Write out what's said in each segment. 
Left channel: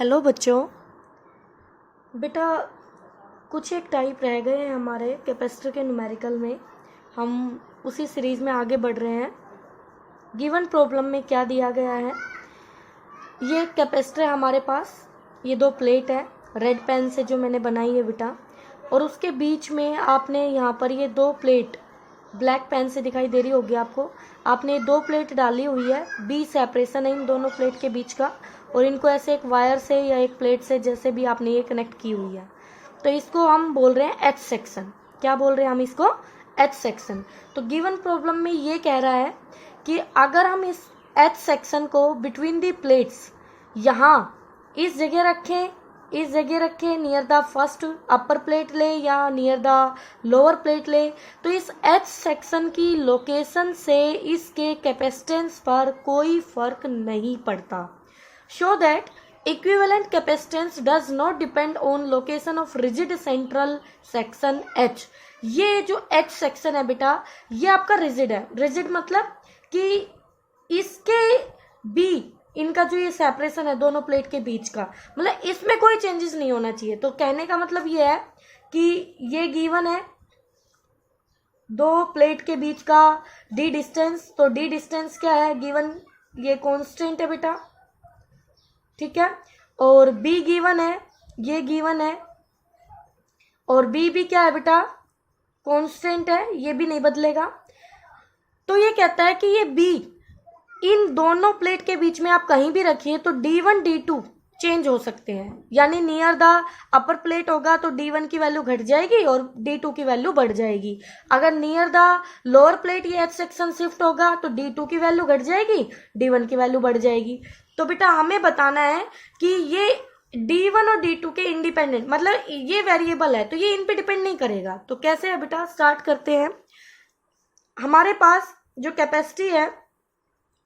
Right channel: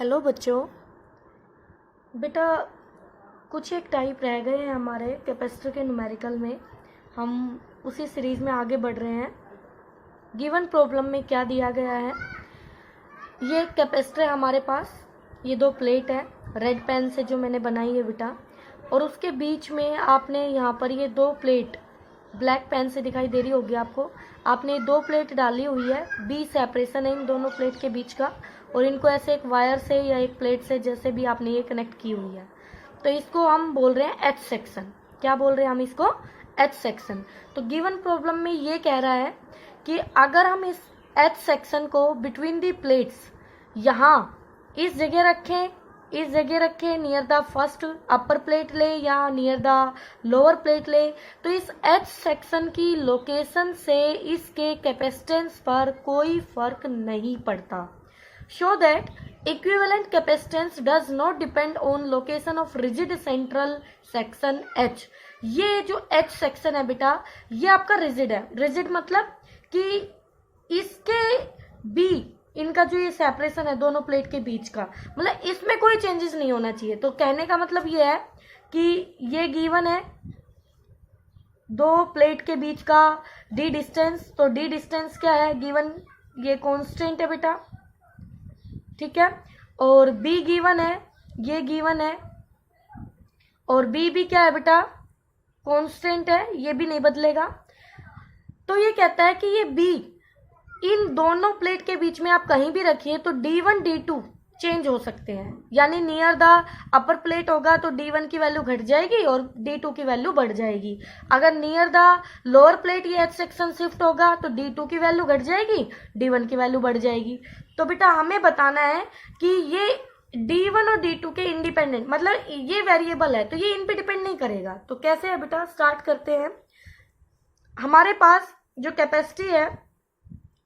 Hello बच्चों। बेटा कुछ एक टाइप रह गए हैं हमारे कैपेसिटर के न्यूमेरिकल में। हम उसी सीरीज़ में आगे बढ़ रहे हैं। गिवन प्रॉब्लम में क्या दिया गया है, ये कैपेसिटर है हमारे पास, ये दो प्लेट है रेड पेन से जो मैंने बनाई है बेटा, और उसके बीच में आपने यहाँ पर ये दो प्लेट ब्लैक पेन से दिखाई दे रही होगी आपको, आपने दो प्लेट डाली हुई है, बी सेपरेशन है इन दोनों प्लेट के बीच का, और इनको ऐसे एक वायर से या एक प्लेट से जैसे भी आपने ये कनेक्ट की हुई है, तो इसको हम बोल रहे हैं एच सेक्शन। क्या बोल रहे हैं हम इसको? H section. तो गिवन प्रॉब्लम में ये कह रहा है कि अगर हम इस एच सेक्शन को बिटवीन दी प्लेट्स यहाँ इस जगह रखें near the first upper plate ले या नियर द लोअर प्लेट ले, तो इस एच सेक्शन की लोकेशन से इसके कैपेसिटेंस पर कोई फर्क नहीं पड़ता। Show that equivalent capacitance does not depend on location of rigid central section H. ये जो एच सेक्शन है बेटा, ये आपका रिजिड है। रिजिड मतलब कि इसके बी इनका जो ये सेपरेशन है दोनों प्लेट के बीच का, मतलब इसमें कोई चेंजेस नहीं होना चाहिए। तो कहने का मतलब ये है कि ये गिवन है दो प्लेट के बीच का डी डिस्टेंस, तो डी डिस्टेंस क्या है गिवन, ये कांस्टेंट है बेटा, ठीक है। और बी गिवन है, ये गिवन है, और बी भी क्या है बेटा, कांस्टेंट है, ये भी नहीं बदलेगा। तो ये कहता है कि ये बी इन दोनों प्लेट के बीच में आप कहीं भी रखिए तो D1 D2 चेंज हो सकते हैं, यानी नियर द अपर प्लेट होगा तो D1 की वैल्यू घट जाएगी और D2 की वैल्यू बढ़ जाएगी। अगर नियर द लोअर प्लेट ये एच सेक्शन शिफ्ट होगा तो D2 की वैल्यू घट जाएगी, D1 की वैल्यू बढ़ जाएगी। तो बेटा हमें बताना है कि ये D1 और D2 के इंडिपेंडेंट, मतलब ये वेरिएबल है तो ये इन पे डिपेंड नहीं करेगा। तो कैसे है बेटा, स्टार्ट करते हैं। हमारे पास जो कैपेसिटी है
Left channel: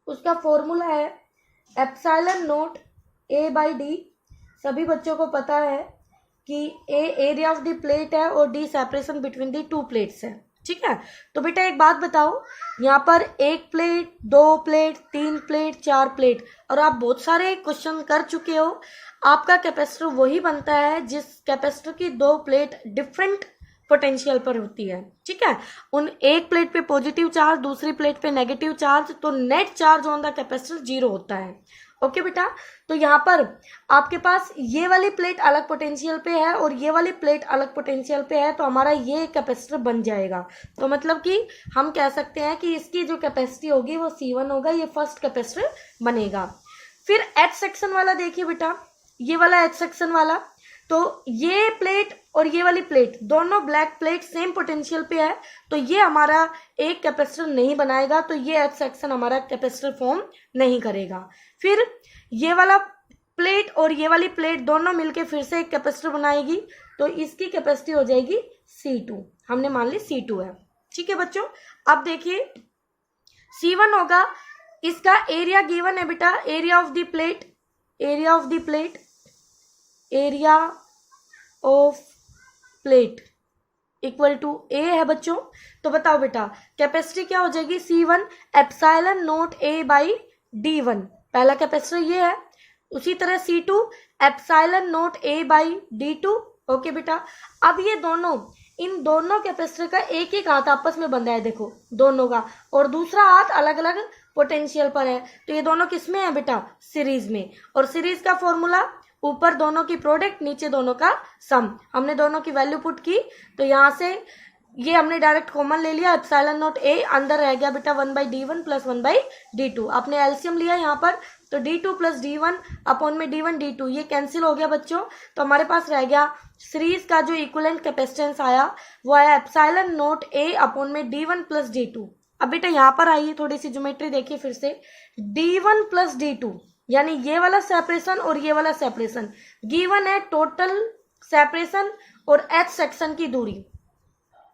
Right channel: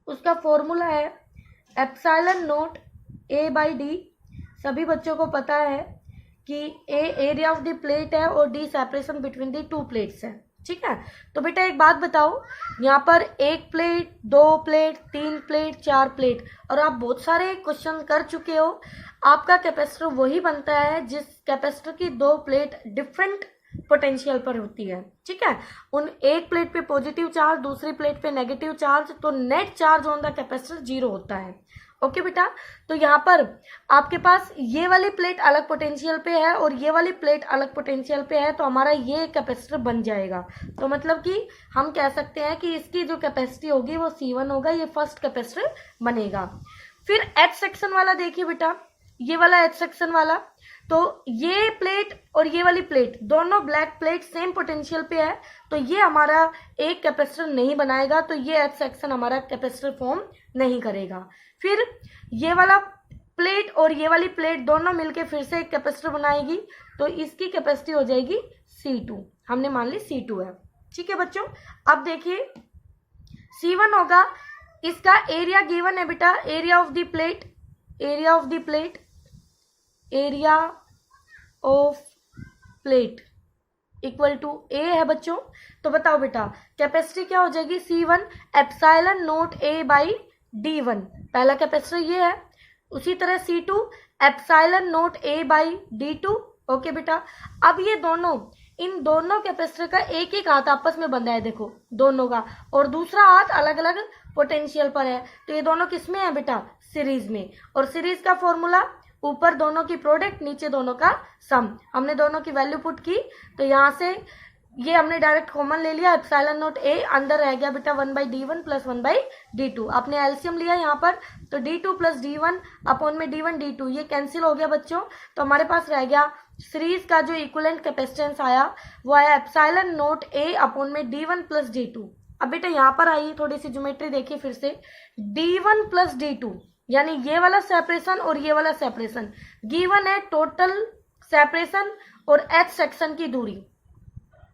उसका फॉर्मूला है epsilon not a by D. सभी बच्चों को पता है कि ए एरिया ऑफ द प्लेट है और D separation between the two plates है, ठीक है। तो बेटा एक बात बताओ, यहाँ पर एक प्लेट, दो प्लेट, तीन प्लेट, चार प्लेट, और आप बहुत सारे क्वेश्चन कर चुके हो। आपका कैपेसिटर वही बनता है जिस कैपेसिटर की दो प्लेट डिफरेंट पोटेंशियल पर होती है, ठीक है। उन एक प्लेट पे पॉजिटिव चार्ज, दूसरी प्लेट पे नेगेटिव चार्ज, तो net charge on the capacitor 0 होता है। ओके बेटा, तो यहाँ पर आपके पास ये वाली प्लेट अलग पोटेंशियल पे है और ये वाली प्लेट अलग पोटेंशियल पे है, तो हमारा ये कैपेसिटर बन जाएगा। तो मतलब कि हम कह सकते हैं कि इसकी जो कैपेसिटी होगी वो C1 होगा, ये फर्स्ट कैपेसिटर बनेगा। फिर एच सेक्शन वाला देखिए बेटा, ये वाला एच सेक्शन वाला, तो ये प्लेट और ये वाली प्लेट दोनों ब्लैक प्लेट सेम पोटेंशियल पे है, तो ये हमारा एक कैपेसिटर नहीं बनाएगा, तो ये एच सेक्शन हमारा कैपेसिटर फॉर्म नहीं करेगा। फिर ये वाला प्लेट और ये वाली प्लेट दोनों मिलके फिर से एक कैपेसिटर बनाएगी, तो इसकी कैपेसिटी हो जाएगी C2। हमने मान ली C2 है, ठीक है बच्चों। अब देखिए C1 होगा, इसका एरिया गिवन है बेटा, area of the plate, area of the plate, area of plate equal to a है बच्चों। तो बताओ बेटा कैपेसिटी क्या हो जाएगी, C1 epsilon not a by D1, पहला कैपेसिटर ये है। उसी तरह C2 epsilon not a by D2। Okay बेटा, अब ये दोनों, इन दोनों कैपेसिटर का एक एक हाथ आपस में बंधा है, देखो दोनों का, और दूसरा हाथ अलग अलग पोटेंशियल पर है, तो ये दोनों किसमें है बेटा, सीरीज में। और सीरीज का फॉर्मूला ऊपर दोनों की प्रोडक्ट, नीचे दोनों का सम। हमने दोनों की वैल्यू पुट की, तो यहाँ से ये हमने डायरेक्ट कॉमन ले लिया, एप्सिलॉन नॉट ए अंदर रह गया बेटा 1/D1 प्लस 1/D2। आपने एलसीएम लिया यहाँ पर, तो D2 प्लस D1 अपॉन में D1 D2 ये कैंसिल हो गया बच्चों। तो हमारे पास रह गया सीरीज का जो इक्विवेलेंट कैपेसिटेंस आया वो आया एप्सिलॉन नॉट ए अपॉन में D1 प्लस D2। अब बेटा यहाँ पर आइए, थोड़ी सी ज्योमेट्री देखिए फिर से, D1 प्लस D2 यानी ये वाला सेपरेशन और ये वाला सेपरेशन, गिवन है टोटल सेपरेशन और एच सेक्शन की दूरी।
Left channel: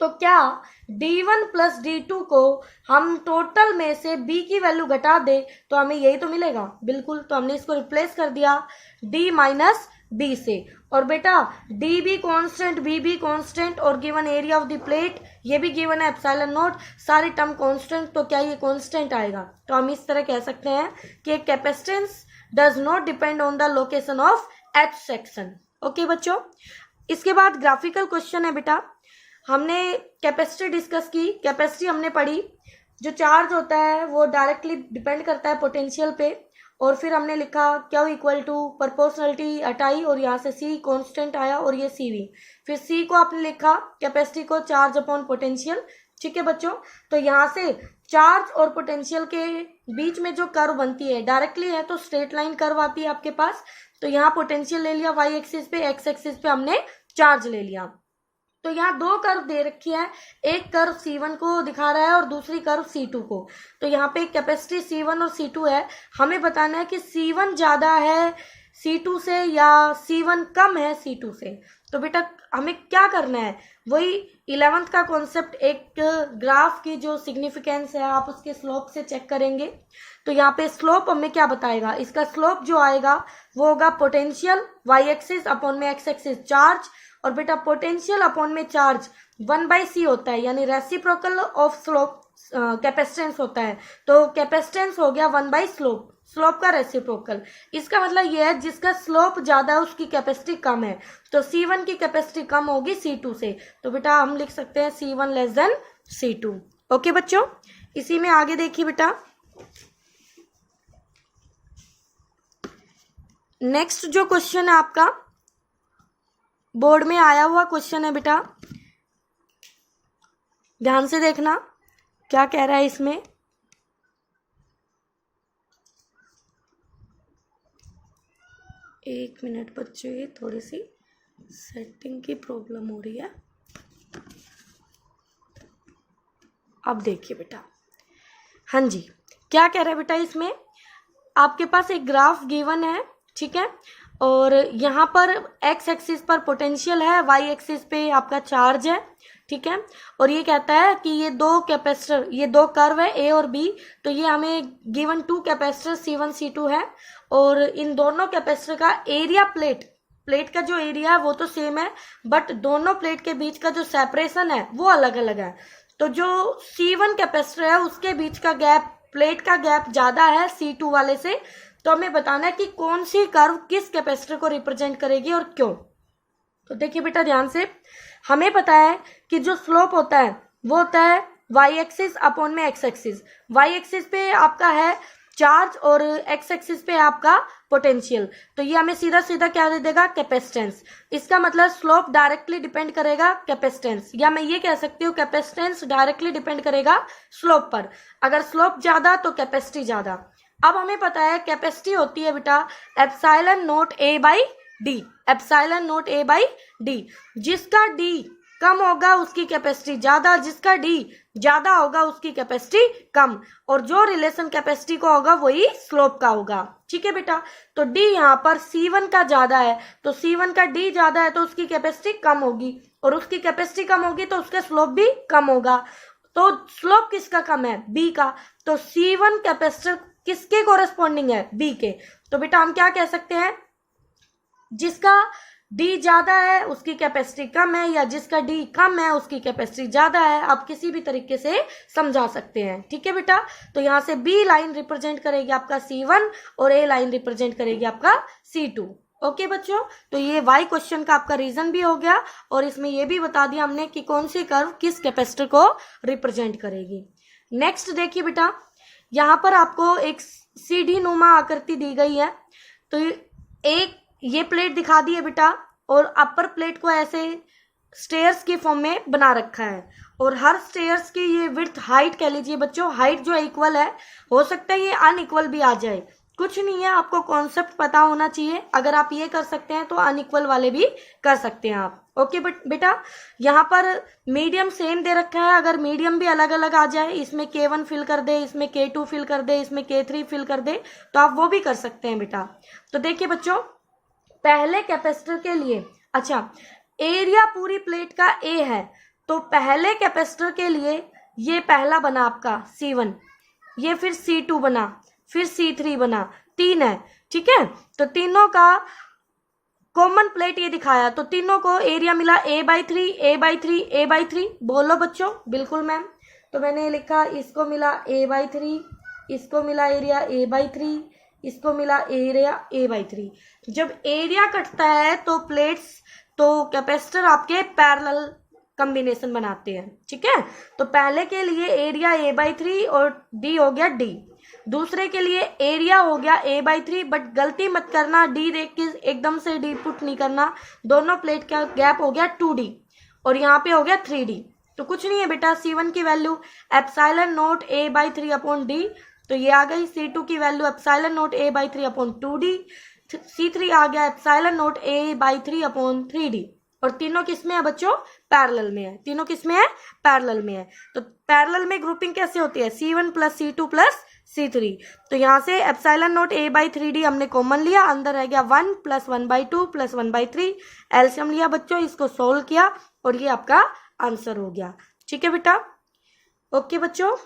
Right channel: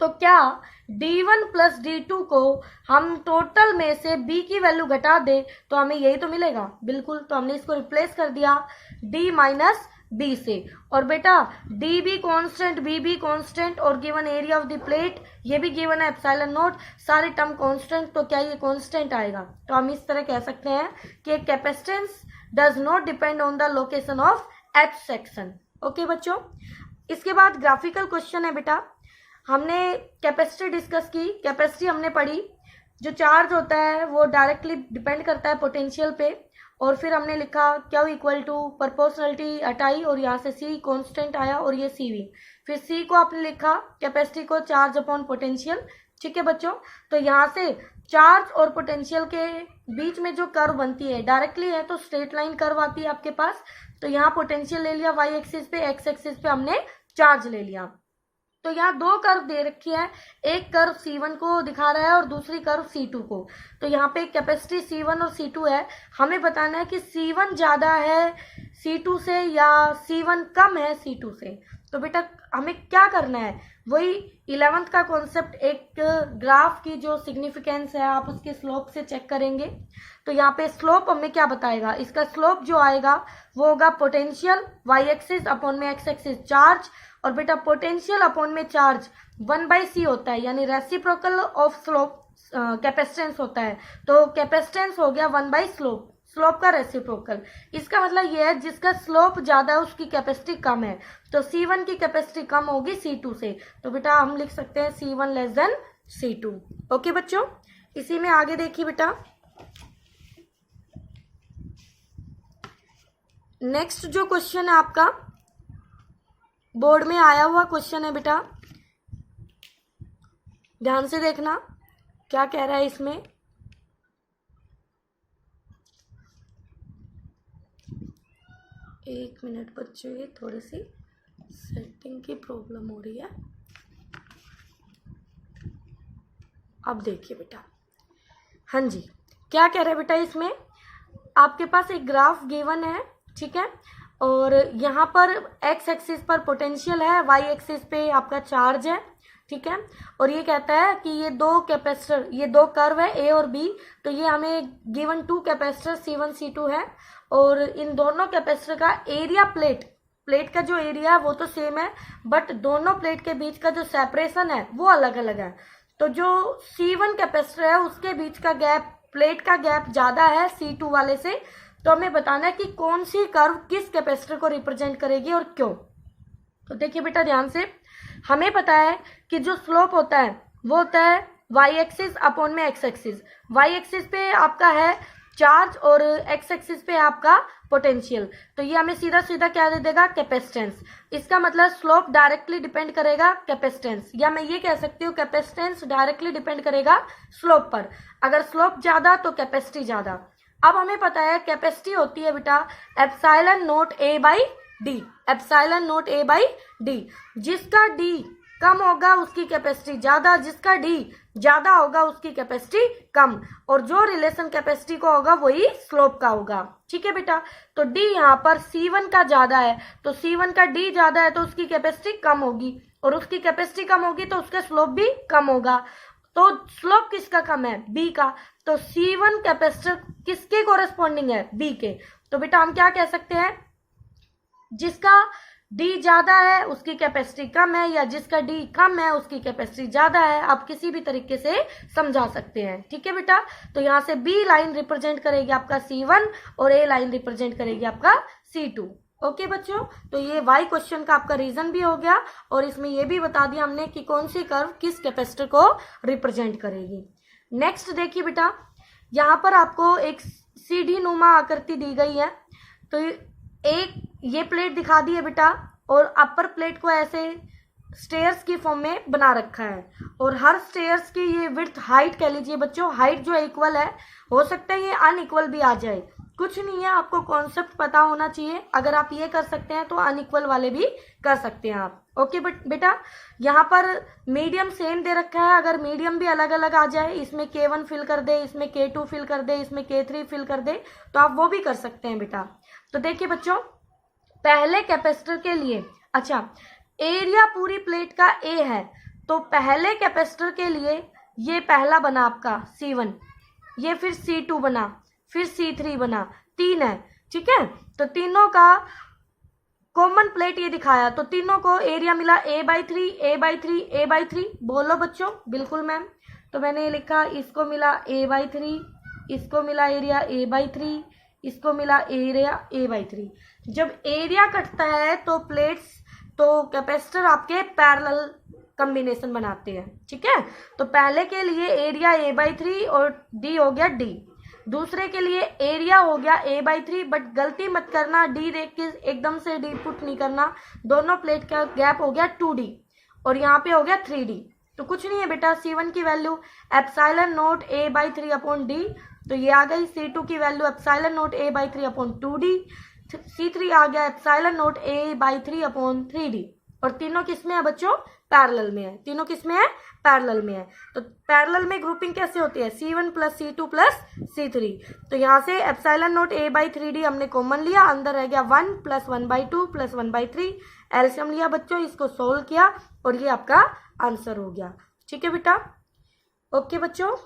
तो क्या D1 प्लस D2 को हम टोटल में से B की वैल्यू घटा दे तो हमें यही तो मिलेगा, बिल्कुल। तो हमने इसको रिप्लेस कर दिया D माइनस B से, और बेटा D भी कॉन्स्टेंट, B भी कॉन्स्टेंट, और given area of the plate ये भी गिवन है एप्सिलॉन नॉट, सारे टर्म कॉन्स्टेंट, तो क्या ये कॉन्स्टेंट आएगा। तो हम इस तरह कह सकते हैं कि capacitance does not depend on the location of H section. Okay बच्चों, इसके बाद ग्राफिकल क्वेश्चन है बेटा। हमने कैपेसिटी डिस्कस की, कैपेसिटी हमने पढ़ी। जो चार्ज होता है वो डायरेक्टली डिपेंड करता है पोटेंशियल पे, और फिर हमने लिखा Q इक्वल टू प्रोपोर्शनलिटी हटाई और यहाँ से C कांस्टेंट आया और ये CV। फिर C को आपने लिखा कैपेसिटी को चार्ज अपॉन पोटेंशियल। ठीक है बच्चों, तो यहाँ से चार्ज और पोटेंशियल के बीच में जो कर्व बनती है डायरेक्टली है तो स्ट्रेट लाइन कर्व आती है आपके पास। तो यहाँ पोटेंशियल ले लिया y एक्सिस पे, x एक्सिस पे हमने चार्ज ले लिया। तो यहाँ दो कर्व दे रखी है, एक कर्व C1 को दिखा रहा है और दूसरी कर्व C2 को। तो यहाँ पे कैपेसिटी C1 और C2 है, हमें बताना है कि C1 ज्यादा है C2 से या C1 कम है C2 से। तो बेटा हमें क्या करना है, वही 11th का कॉन्सेप्ट, एक ग्राफ की जो सिग्निफिकेंस है आप उसके स्लोप से चेक करेंगे। तो यहाँ पे स्लोप हमें क्या बताएगा, इसका स्लोप जो आएगा वो होगा पोटेंशियल y एक्सिस अपॉन में x एक्सिस चार्ज, और बेटा पोटेंशियल अपॉन में चार्ज 1/c होता है, यानी रेसिप्रोकल ऑफ स्लोप कैपेसिटेंस होता है। तो कैपेसिटेंस हो गया 1/स्लोप, स्लोप का रेसिप्रोकल। इसका मतलब यह है जिसका स्लोप ज्यादा है उसकी कैपेसिटी कम है। तो C1 की कैपेसिटी कम होगी C2 से, तो बेटा हम लिख सकते हैं C1 less than C2। Okay बच्चों, इसी में आगे देखिए बेटा, नेक्स्ट जो क्वेश्चन है आपका बोर्ड में आया हुआ क्वेश्चन है बेटा, ध्यान से देखना क्या कह रहा है इसमें। एक मिनट बच्चे, थोड़ी सी सेटिंग की प्रॉब्लम हो रही है। अब देखिए बेटा, हाँ जी, क्या कह रहा है बेटा इसमें, आपके पास एक ग्राफ गिवन है, ठीक है, और यहाँ पर x एक्सिस पर पोटेंशियल है, y एक्सिस पे आपका चार्ज है, ठीक है, और ये कहता है कि ये दो कैपेसिटर, ये दो कर्व है A और B। तो ये हमें गिवन 2 कैपेसिटर C1 C2 है, और इन दोनों कैपेसिटर का एरिया, प्लेट का जो एरिया है वो तो सेम है, बट दोनों प्लेट के बीच का जो सेपरेशन है वो अलग अलग है। तो जो C1 कैपेसिटर है उसके बीच का गैप, प्लेट का गैप ज्यादा है C2 वाले से। तो हमें बताना है कि कौन सी कर्व किस कैपेसिटर को रिप्रेजेंट करेगी और क्यों। तो देखिए बेटा ध्यान से, हमें पता है कि जो स्लोप होता है वो होता है y एक्सिस अपॉन में x एक्सिस। y एक्सिस पे आपका है चार्ज और x एक्सिस पे आपका पोटेंशियल। तो ये हमें सीधा सीधा क्या दे देगा, कैपेसिटेंस। इसका मतलब स्लोप डायरेक्टली डिपेंड करेगा कैपेसिटेंस, या मैं ये कह सकती हूँ कैपेसिटेंस डायरेक्टली डिपेंड करेगा स्लोप पर। अगर स्लोप ज्यादा तो कैपेसिटी ज्यादा। अब हमें पता है कैपेसिटी होती है बेटा epsilon not A/D, epsilon not A/D। जिसका D कम होगा उसकी कैपेसिटी ज्यादा, जिसका D ज्यादा होगा उसकी कैपेसिटी कम, और जो रिलेशन कैपेसिटी का होगा वही स्लोप का होगा। ठीक है बेटा, तो D यहाँ पर C1 का ज्यादा है, तो C1 का D ज्यादा है तो उसकी कैपेसिटी कम होगी, और उसकी कैपेसिटी कम होगी तो उसका स्लोप भी कम होगा। तो स्लोप किसका कम है, B का। तो C1 कैपेसिटर किसके कोरेस्पॉन्डिंग है, B के। तो बेटा हम क्या कह सकते हैं, जिसका D ज्यादा है उसकी कैपेसिटी कम है, या जिसका D कम है उसकी कैपेसिटी ज्यादा है। आप किसी भी तरीके से समझा सकते हैं। ठीक है बेटा, तो यहाँ से B लाइन रिप्रेजेंट करेगी आपका C1 और A लाइन रिप्रेजेंट करेगी आपका C2। ओके बच्चों, तो ये वाई क्वेश्चन का आपका रीजन भी हो गया, और इसमें ये भी बता दिया हमने कि कौन सी कर्व किस कैपेसिटर को रिप्रेजेंट करेगी। नेक्स्ट देखिए बेटा, यहाँ पर आपको एक सीढ़ी नुमा आकृति दी गई है। तो एक ये प्लेट दिखा दी है बेटा, और अपर प्लेट को ऐसे स्टेयर्स की फॉर्म में बना रखा है, और हर स्टेयर्स की ये विड्थ, हाइट कह लीजिए बच्चों, हाइट जो है इक्वल है। हो सकता है ये अनइक्वल भी आ जाए, कुछ नहीं है, आपको कॉन्सेप्ट पता होना चाहिए। अगर आप ये कर सकते हैं तो अनइक्वल वाले भी कर सकते हैं आप। ओके बेटा, यहाँ पर मीडियम सेम दे रखा है, अगर मीडियम भी अलग अलग आ जाए, इसमें K1 फिल कर दे, इसमें K2 फिल कर दे, इसमें K3 फिल कर दे, तो आप वो भी कर सकते हैं बेटा। तो देखिए बच्चों, पहले कैपेसिटर के लिए, अच्छा एरिया पूरी प्लेट का A है, तो पहले कैपेसिटर के लिए ये पहला बना आपका C1, ये फिर C2 बना, फिर C3 बना, 3 है। ठीक है, तो तीनों का कॉमन प्लेट ये दिखाया, तो तीनों को एरिया मिला A/3, A/3, A/3। बोलो बच्चों, बिल्कुल मैम। तो मैंने लिखा इसको मिला A/3, इसको मिला एरिया A/3, इसको मिला एरिया A/3। जब एरिया कटता है तो प्लेट्स तो कैपेसिटर आपके पैरेलल कॉम्बिनेशन बनाते हैं, ठीक है। तो पहले के लिए एरिया A/3 और D हो गया D, दूसरे के लिए एरिया हो गया A/3, बट गलती मत करना D देख के एकदम से D पुट नहीं करना, दोनों प्लेट का गैप हो गया 2D और यहाँ पे हो गया 3D। तो कुछ नहीं है बेटा, C1 की value epsilon not A/3 upon D, तो ये आ गई। C2 की value epsilon not A/3 upon 2D, C3 आ गया epsilon not A/3 upon 3D। और तीनों किस में है बच्चों? पैरेलल में है। तीनों किस में है? पैरेलल में है। तो पैरेलल में ग्रुपिंग कैसे होती है? C1 plus C2 plus C3। तो यहाँ से एप्सिलॉन नॉट A/3D हमने कॉमन लिया, अंदर रह गया 1 प्लस 1/2 प्लस 1/3, एलसीएम लिया बच्चों, इसको सोल्व किया और ये आपका आंसर हो गया। ठीक है बेटा, ओके बच्चों।